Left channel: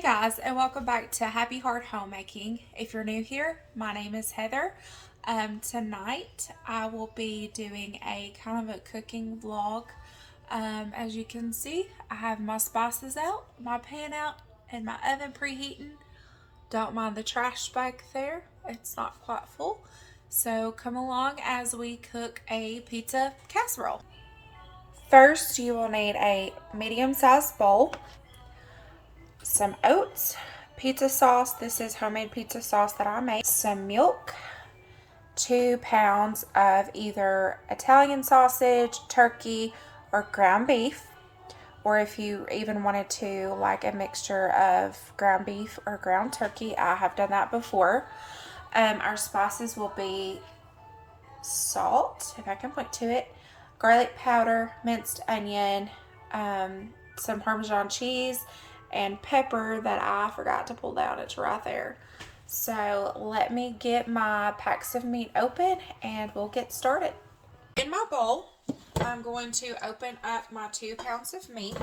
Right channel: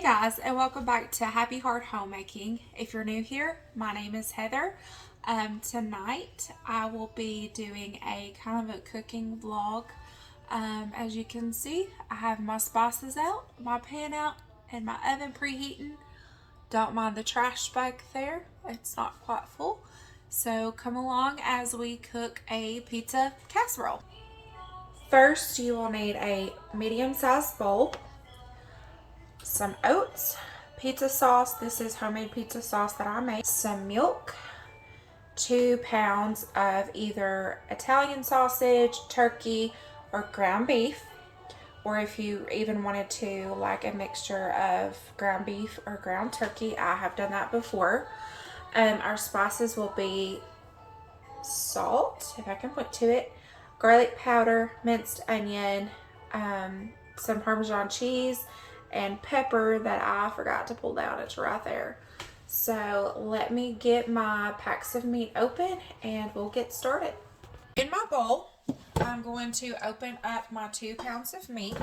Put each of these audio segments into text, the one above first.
Hey guys, and welcome back to Happy Heart Homemaking. If you're new here, my name is Heather. Tonight I will be doing a kind of a cooking vlog. As you can see, I have my spices out, my pan out, and my oven preheating. Don't mind the trash back there, it's not quite full. So come along as we cook a pizza casserole. First, you will need a medium-sized bowl, some oats, pizza sauce. This is homemade pizza sauce that I made. Some milk, 2 pounds of either Italian sausage, turkey, or ground beef. Or if you even wanted to like a mixture of ground beef or ground turkey, I have done that before. Our spices will be salt, if I can point to it, garlic powder, minced onion, some Parmesan cheese, and pepper that I forgot to pull down. It's right there. So let me get my packs of meat open and we'll get started. In my bowl, I'm going to open up my 2 pounds of meat.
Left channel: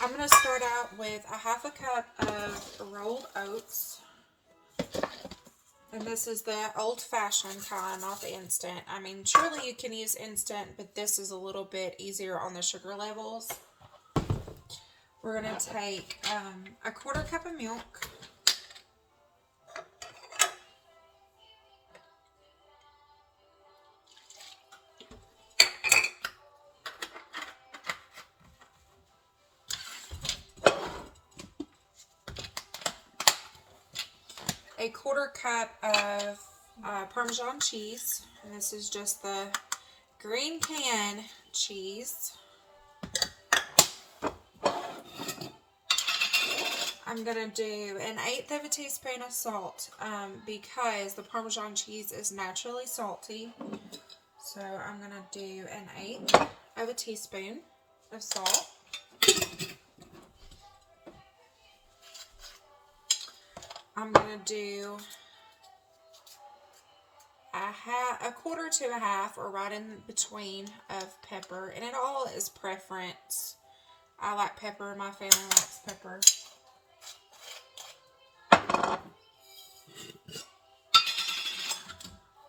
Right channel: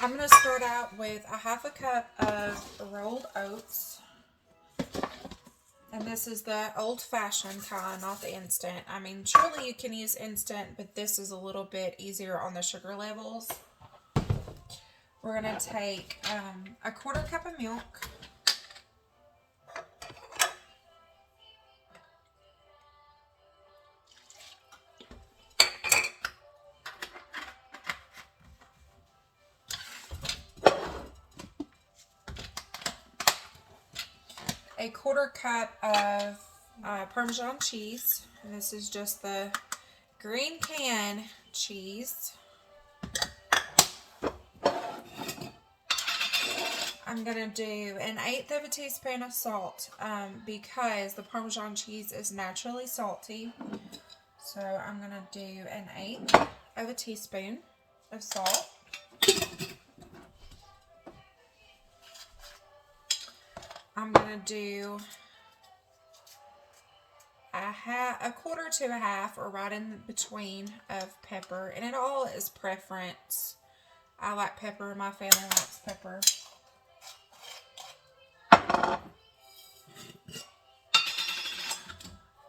I'm going to start out with a 1/2 cup of rolled oats. And this is the old-fashioned kind, not the instant. I mean, surely you can use instant, but this is a little bit easier on the sugar levels. We're going to take a 1/4 cup of milk. A 1/4 cup of Parmesan cheese. And this is just the green can cheese. I'm going to do 1/8 of a teaspoon of salt because the Parmesan cheese is naturally salty. So I'm going to do 1/8 of a teaspoon of salt. I'm going to do a 1/4 to a 1/2, or right in between, of pepper. And it all is preference. I like pepper. My family likes pepper.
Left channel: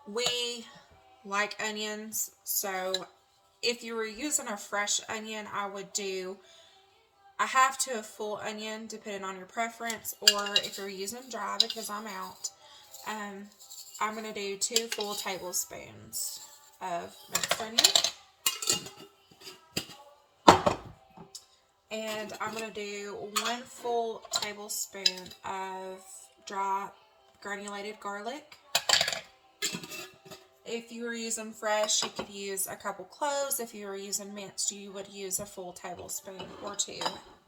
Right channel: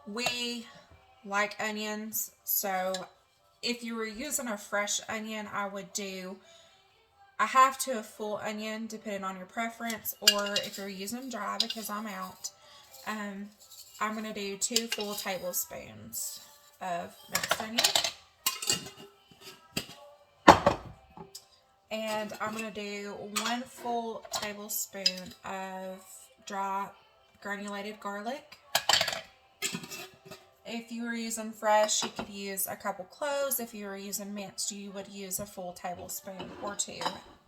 We like onions, so if you were using a fresh onion, I would do a 1/2 to a full onion, depending on your preference, or if you're using dry, because I'm out, I'm going to do 2 full tablespoons of mixed onion. And I'm going to do 1 full tablespoon of dry granulated garlic. If you were using fresh, you could use a couple cloves. If you were using minced, you would use a full tablespoon or 2,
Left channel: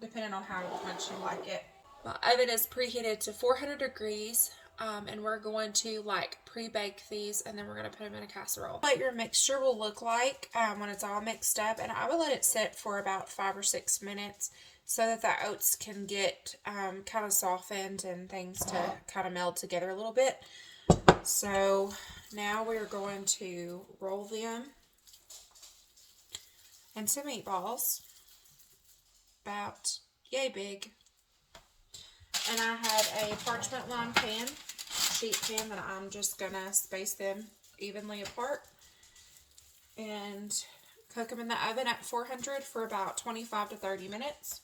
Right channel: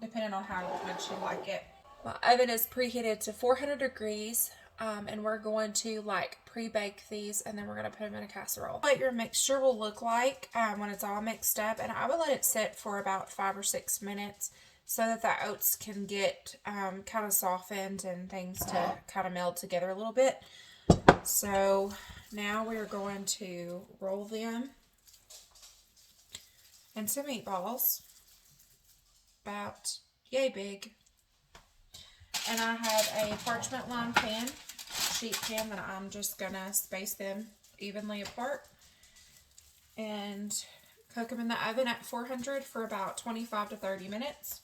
depending on how much you like it. My oven is preheated to 400 degrees, and we're going to pre-bake these, and then we're going to put them in a casserole. What your mixture will look like when it's all mixed up, and I would let it sit for about 5 or 6 minutes so that the oats can get kind of softened and things to kind of meld together a little bit. So now we're going to roll them into meatballs, about yay big. And I have a parchment lined pan, sheet pan, that I'm just going to space them evenly apart and cook them in the oven at 400 for about 25 to 30 minutes.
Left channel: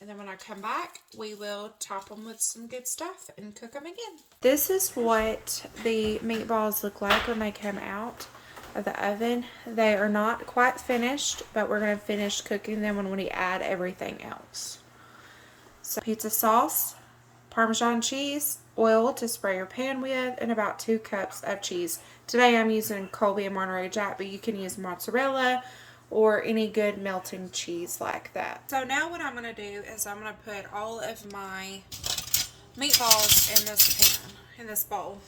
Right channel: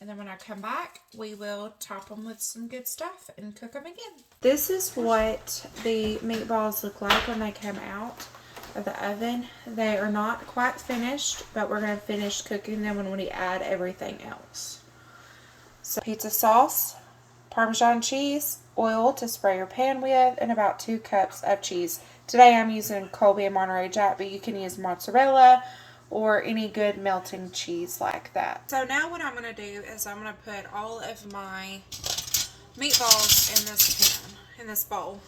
And then when I come back, we will top them with some good stuff and cook them again. This is what the meatballs look like when they come out of the oven. They are not quite finished, but we're going to finish cooking them when we add everything else. So pizza sauce, Parmesan cheese, oil to spray your pan with, and about 2 cups of cheese. Today I'm using Colby and Monterey Jack, but you can use mozzarella or any good melting cheese like that. So now what I'm going to do is I'm going to put all of my meatballs in this pan, in this bowl.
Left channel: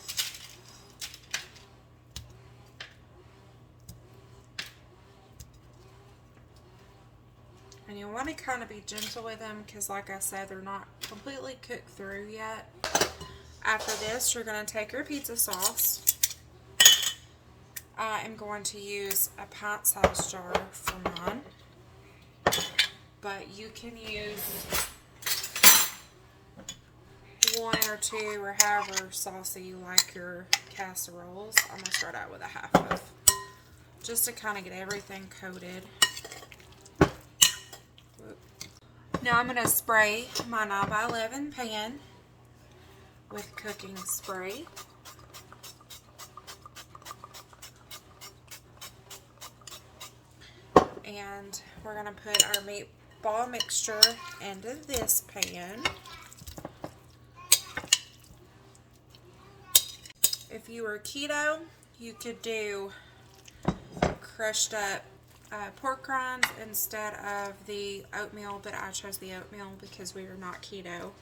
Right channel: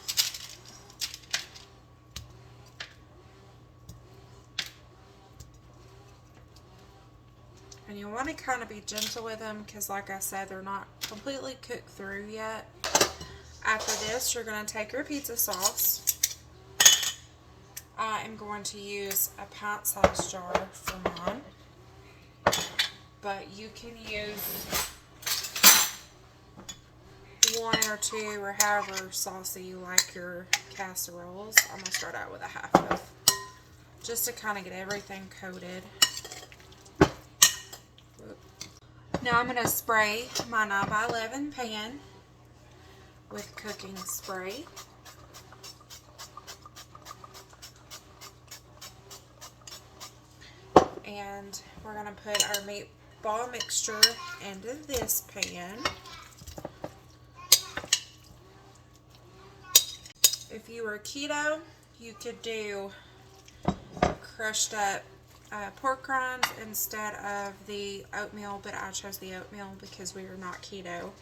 And you want to kind of be gentle with them because, like I said, they're not completely cooked through yet. After this, you're going to take your pizza sauce. I am going to use a pint-sized jar for mine, but you can use one or two or however saucy you like your casseroles. I'm going to start out with a half of, just to kind of get everything coated. Now I'm going to spray my 9x11 pan with cooking spray. And we're going to put our meatball mixture into this pan. If you were keto, you could do crushed up pork rinds instead of the oatmeal, but I chose the oatmeal because we are not keto.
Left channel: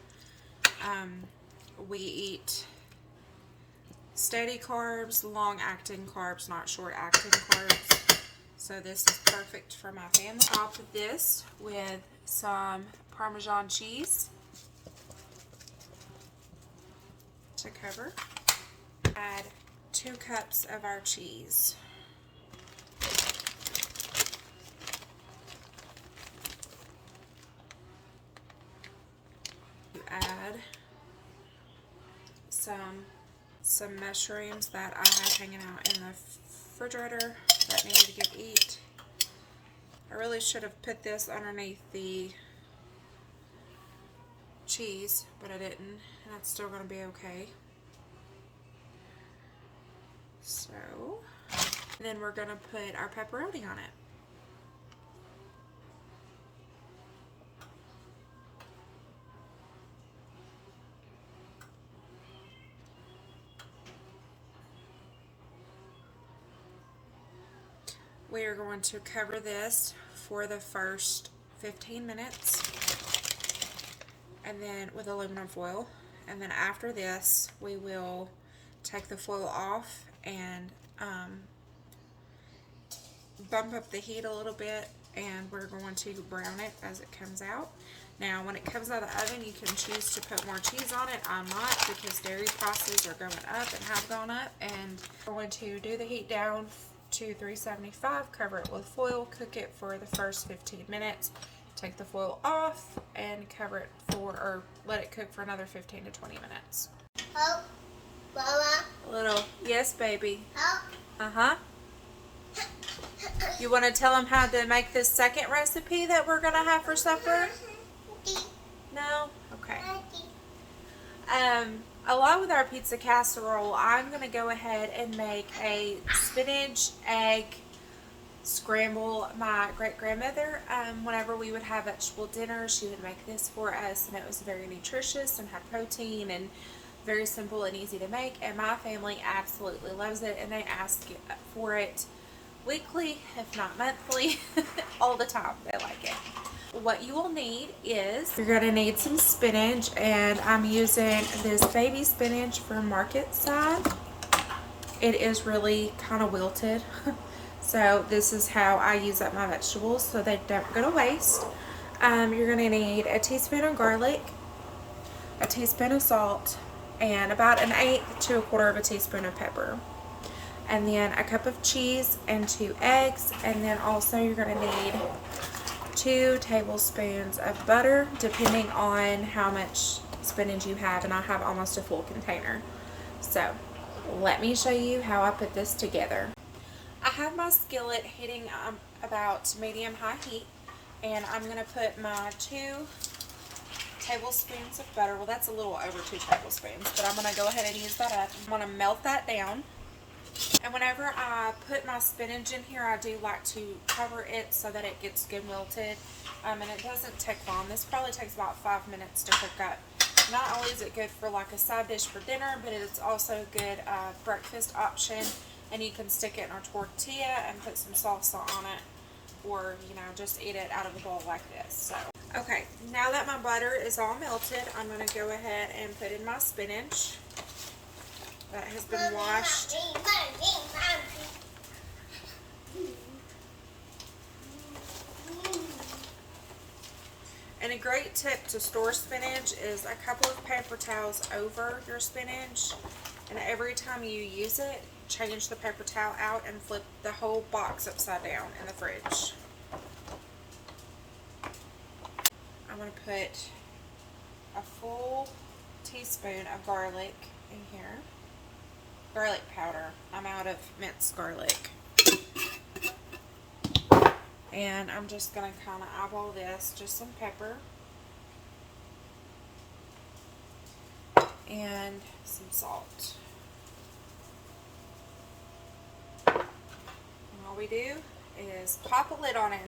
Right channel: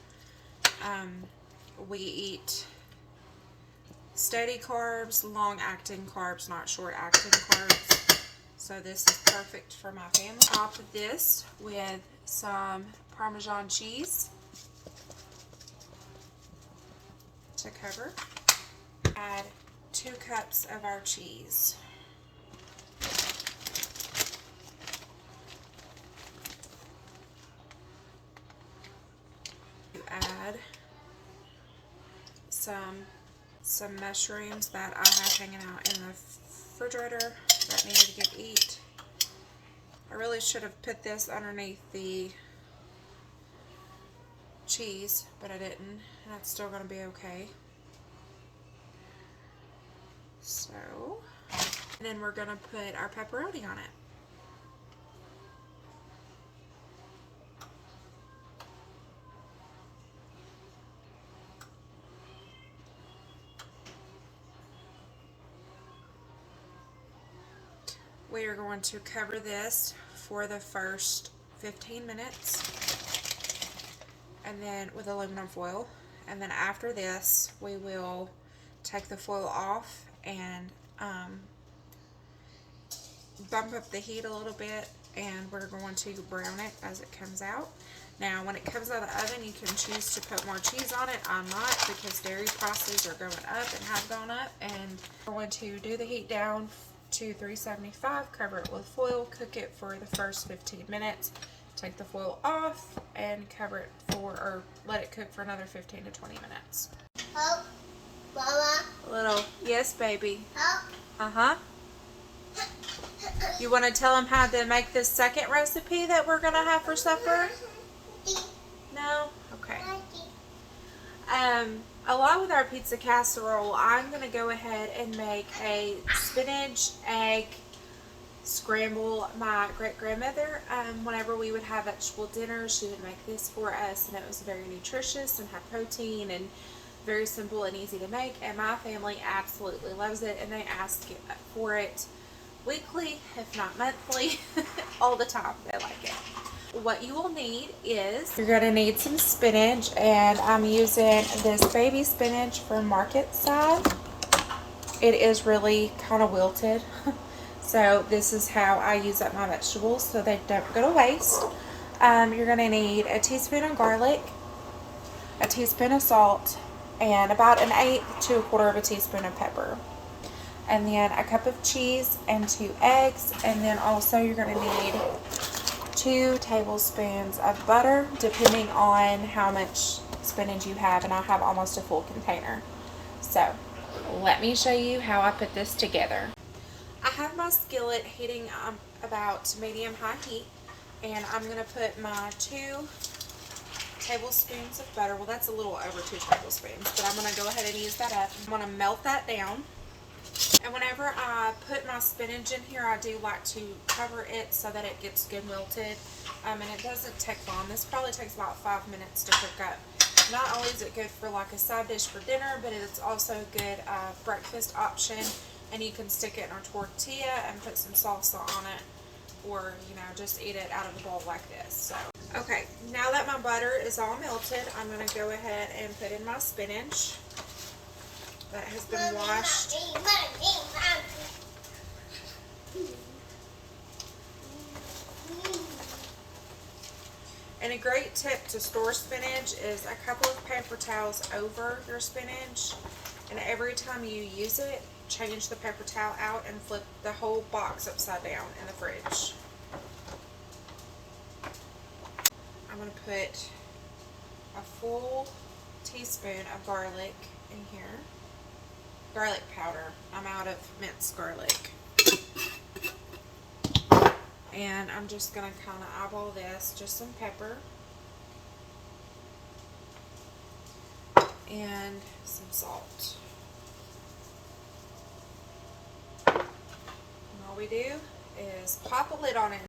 We eat steady carbs, long-acting carbs, not short-acting carbs. So this is perfect for my family. Top this with some Parmesan cheese to cover. Add 2 cups of our cheese. You add some mushrooms that I have hanging out in the refrigerator that needed to get eat. I really should have put this underneath the cheese, but I didn't, and it's still going to be okay. So, then we're going to put our pepperoni on it. We are going to cover this for the first 15 minutes and then with aluminum foil, and then after this we will take the foil off and bump up the heat a little bit, and we're going to brown it as it comes out. Now when it comes out of the oven, you can choose to put more cheese on it. I'm not, because dairy prices are going up and have gone up. And we're going to do the heat down to 375, cover it with foil, cook it for the first 15 minutes, take the foil off, and cover it for, or let it cook for another 15 to 20 minutes. Oh, Mama. A little, yes, baby. Oh. Uh-huh. You want to tell them how to make this second recipe that we're going to have for supper? No? Okay. Along with our pizza casserole, I'm going to go ahead and make a spinach egg scramble. My great-grandmother, whenever we would have vegetable dinner, she would make this for us, and it was very nutritious and high protein and very simple and easy to make, and my family absolutely loves it, and they ask for it weekly, if not monthly, all the time. They like it. What you will need is, you're going to need some spinach, and I'm using this baby spinach from Market Side. It is really kind of wilted, so this is how I use up my vegetables so they don't go to waste. You're going to need a teaspoon of garlic, a teaspoon of salt, and about 1/8 to 1/4 of a teaspoon of pepper. And then a cup of cheese and 2 eggs, and then also you're going to need 2 tablespoons of butter, depending on how much spinach you have, and I have almost a full container. So let me show you how I put this together. I have my skillet heating about medium-high heat, and I'm going to put my 2 tablespoons of butter. Well, that's a little over 2 tablespoons, but I'm going to go ahead and use that up. I'm going to melt that down. And whenever I put my spinach in here, I do like to cover it so that it gets good wilted. And it doesn't take long. This probably takes about 5 minutes to cook up. Not only is it good for like a side dish for dinner, but it's also a good breakfast option. And you can stick it in a tortilla and put some salsa on it, or just eat it out of the bowl like this. So, okay, now that my butter is all melted, I'm going to go ahead and put in my spinach that has been washed. And a great tip to store spinach is a couple of paper towels over your spinach, and every time you use it, change the paper towel out and flip the whole box upside down in the fridge. I'm going to put a full teaspoon of garlic in here. Garlic powder. I'm out of minced garlic. And I'm just going to kind of eyeball this. Just some pepper. And some salt. And all we do is pop a lid on it.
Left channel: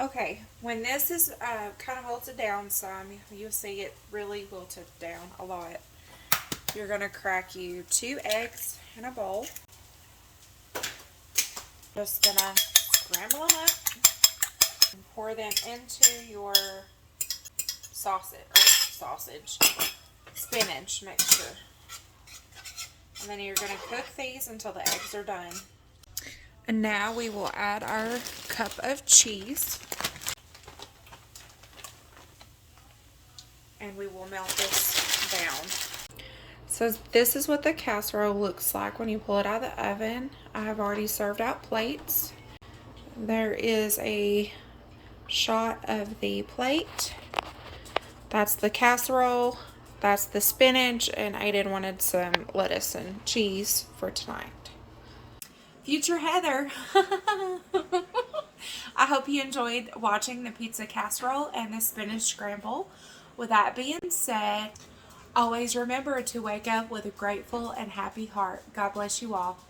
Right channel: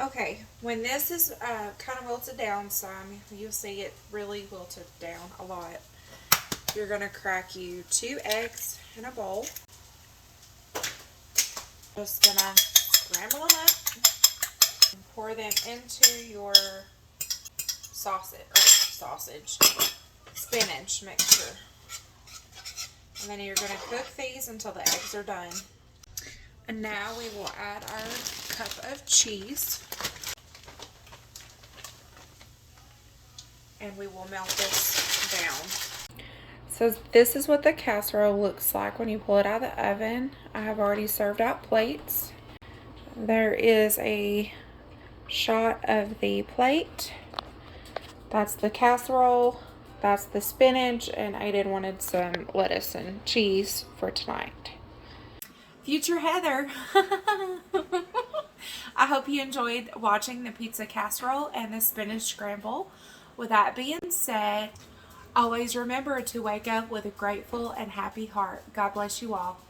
Okay, when this is kind of wilted down some, you'll see it really wilted down a lot. You're going to crack you 2 eggs in a bowl. Just going to scramble them up and pour them into your spinach mixture. And then you're going to cook these until the eggs are done. And now we will add our cup of cheese. And we will melt this down. So this is what the casserole looks like when you pull it out of the oven. I have already served out plates. There is a shot of the plate. That's the casserole. That's the spinach. And Aiden wanted some lettuce and cheese for tonight. Future Heather. I hope you enjoyed watching the pizza casserole and the spinach scramble. With that being said, always remember to wake up with a grateful and happy heart. God bless you all.